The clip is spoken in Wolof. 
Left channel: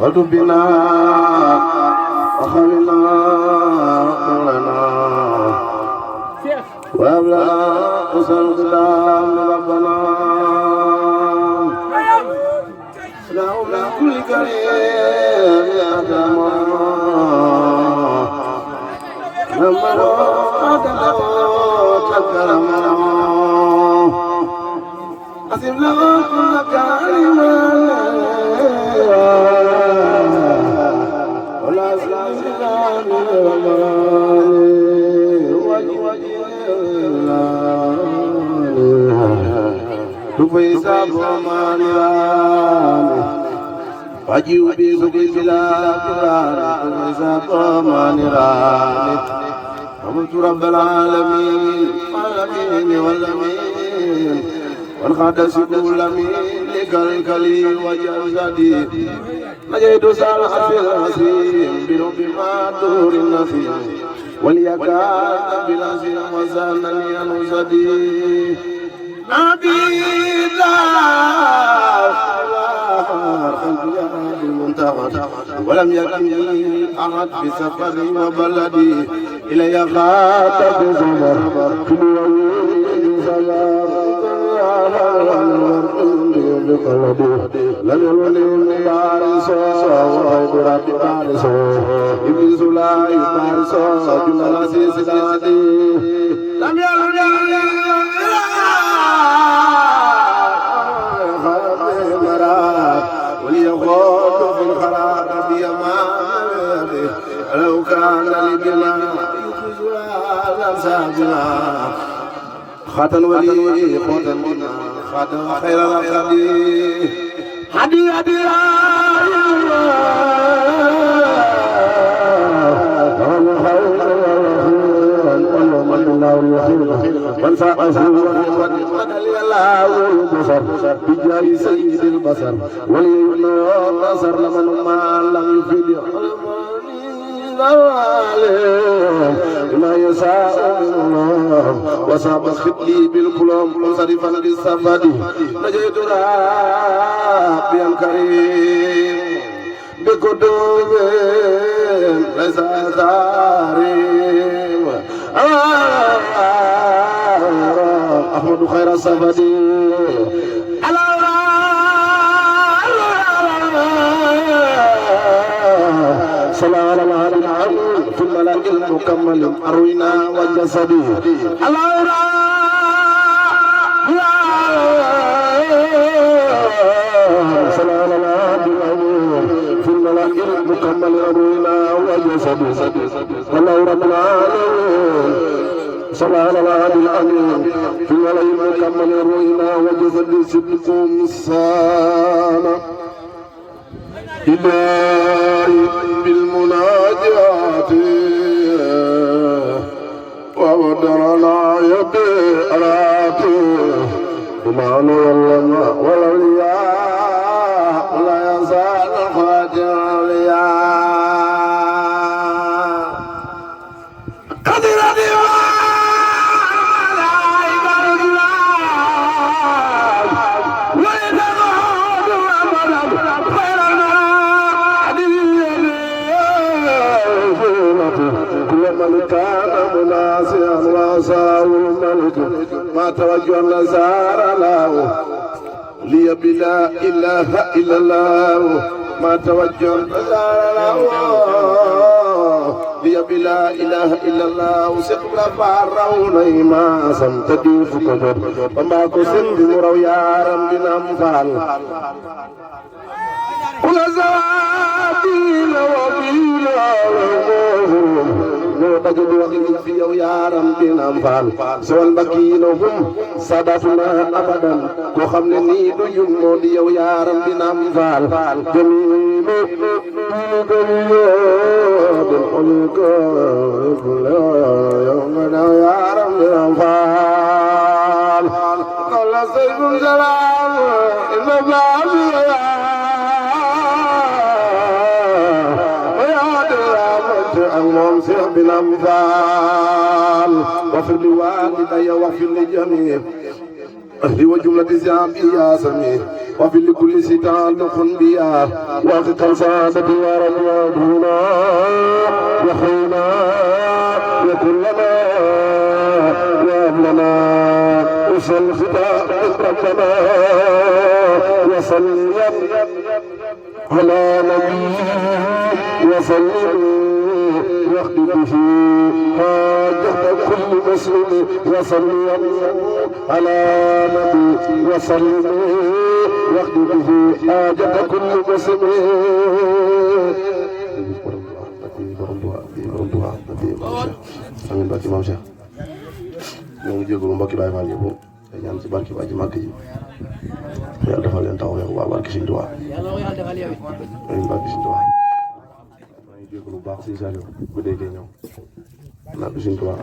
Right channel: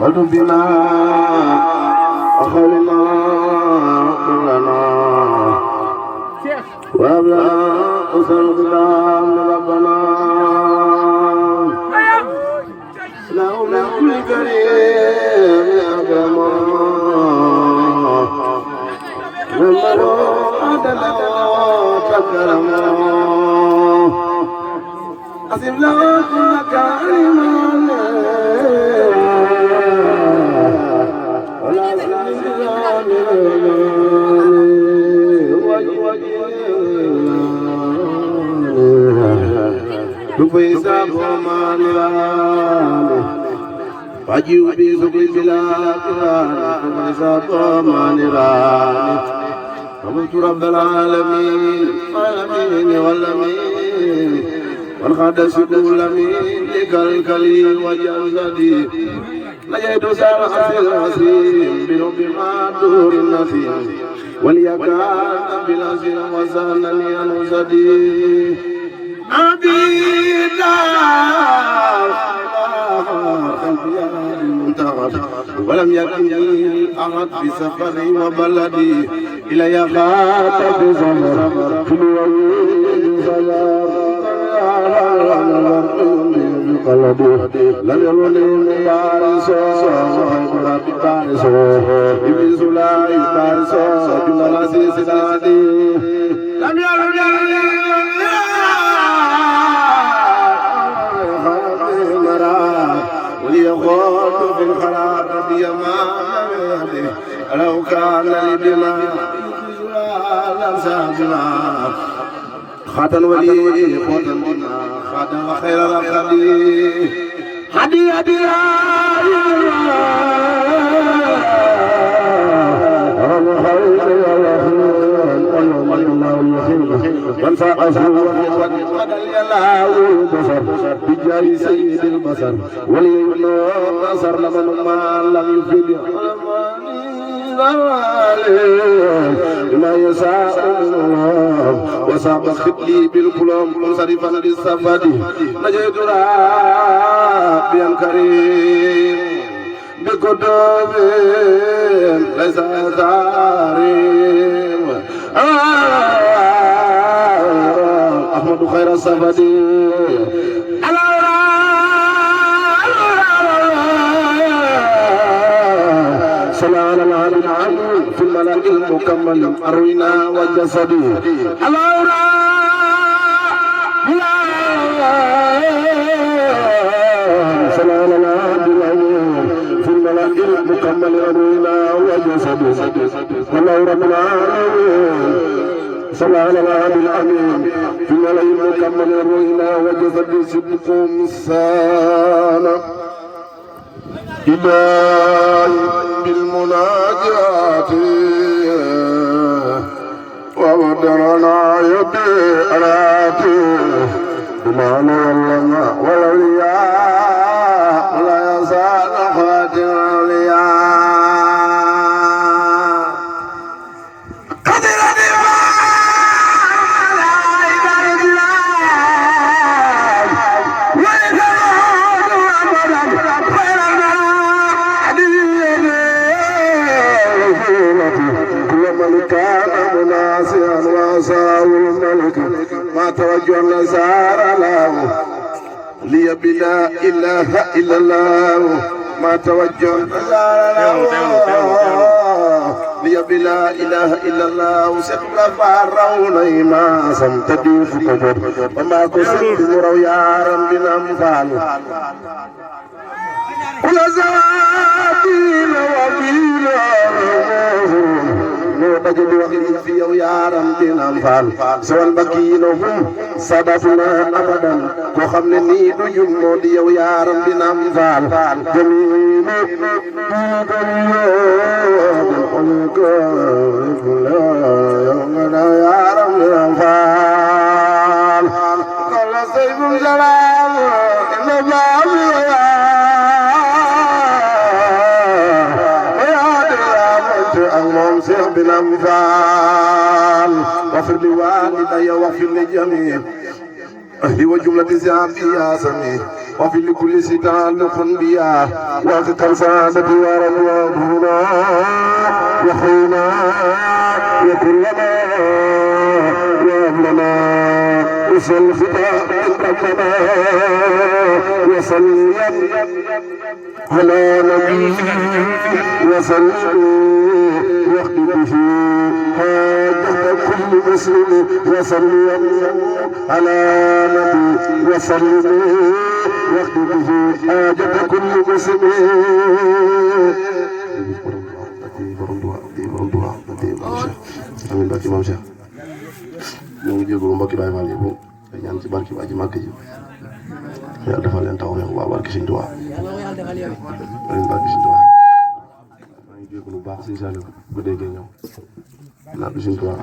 قلت بنا أخلنا لنا وأبلغ أسر السلام ربنا لولا كل كريم أكرم لما عدل تكرم أسف له كل كريم Wajib bisukil bila Tuhan Sapa manirani Kamu Rabbal alamin Alamin walamin Wal khadasiku lamin Likal kali wajah zadi Najaitu salah hasil hasim Birubbi maturin nafim Wal yakan bila sim Wasanani anusadi Nabi ولم يكن لي أحد في سفري وبلدي إلى يخاط بزمر في الوين زمر بقلبي لم يرني مبارس وغيب ربي بارس إبليس لا يبارس جمال سيسلادي لم يرني وليغول في الخراب بيمامه لو كان لي بما لنسى بما خاتم ولي خاتم بما خاتم خير الخدي هدي هدي من ساقه وقد الله البصر بجاه سيد البصر وليمنع البصر لمن ما لم يفيد ما يساء الله وصاب خطلي بالكلام منصرفا للسفد نجيت ربي الكريم بقدوم ليس كريم أحمد خير السفد سلام عليكم في الملك المكمل أروينا وجسدي سلام عليكم في الملك المكمل أروينا وجسدي الله رب العالمين صلى الله عليه الأمين في الملك المكمل أروينا وجسدي صدقكم سانا إلهي بالمناجات وبدرنا يدي أراتي بما نولنا والأولياء ولا يزال خاتم الأولياء ما توجه نزار له لي بلا إله إلا الله ما توجه نزار له لي بلا إله إلا الله سقل فارون ما سمتدي فكجر وما كسب مرو يا ربنا مفعل ولزابين وبيلا تجد وقت في يوم بنا مفعل سوال بكينهم سببنا أبدا وخمن نيد يمود يوم بنا مفعل جميل بالقلوب يا رب بنا مفعل قال سيف الجلال إن الله المنصر بالأمثال واغفر لوالدي واغفر لجميع أهلي وجملة ذنبي يا سميع وفي لكل ستان خنبيا وقت سعادة ورضا هنا وخينا وكلنا وأهلنا وصل فتاة ربنا وصل على نبي وصل واخد به حاجة كل مسلم وصل على نبي وصل واخد به حاجة كل مسلم amin barki maam Cheikh ñoo ngi jégalu mbokki Baay Faal yëpp te ñaan ci barki waa ji màgg ji yàlla defal leen taw rek waa barki Sëñ Tuubaa amin barki Sëñ Tuubaa maa ngi jégalu baax si Saliou bu déggee ñëw naa bi Sëñ Tuubaa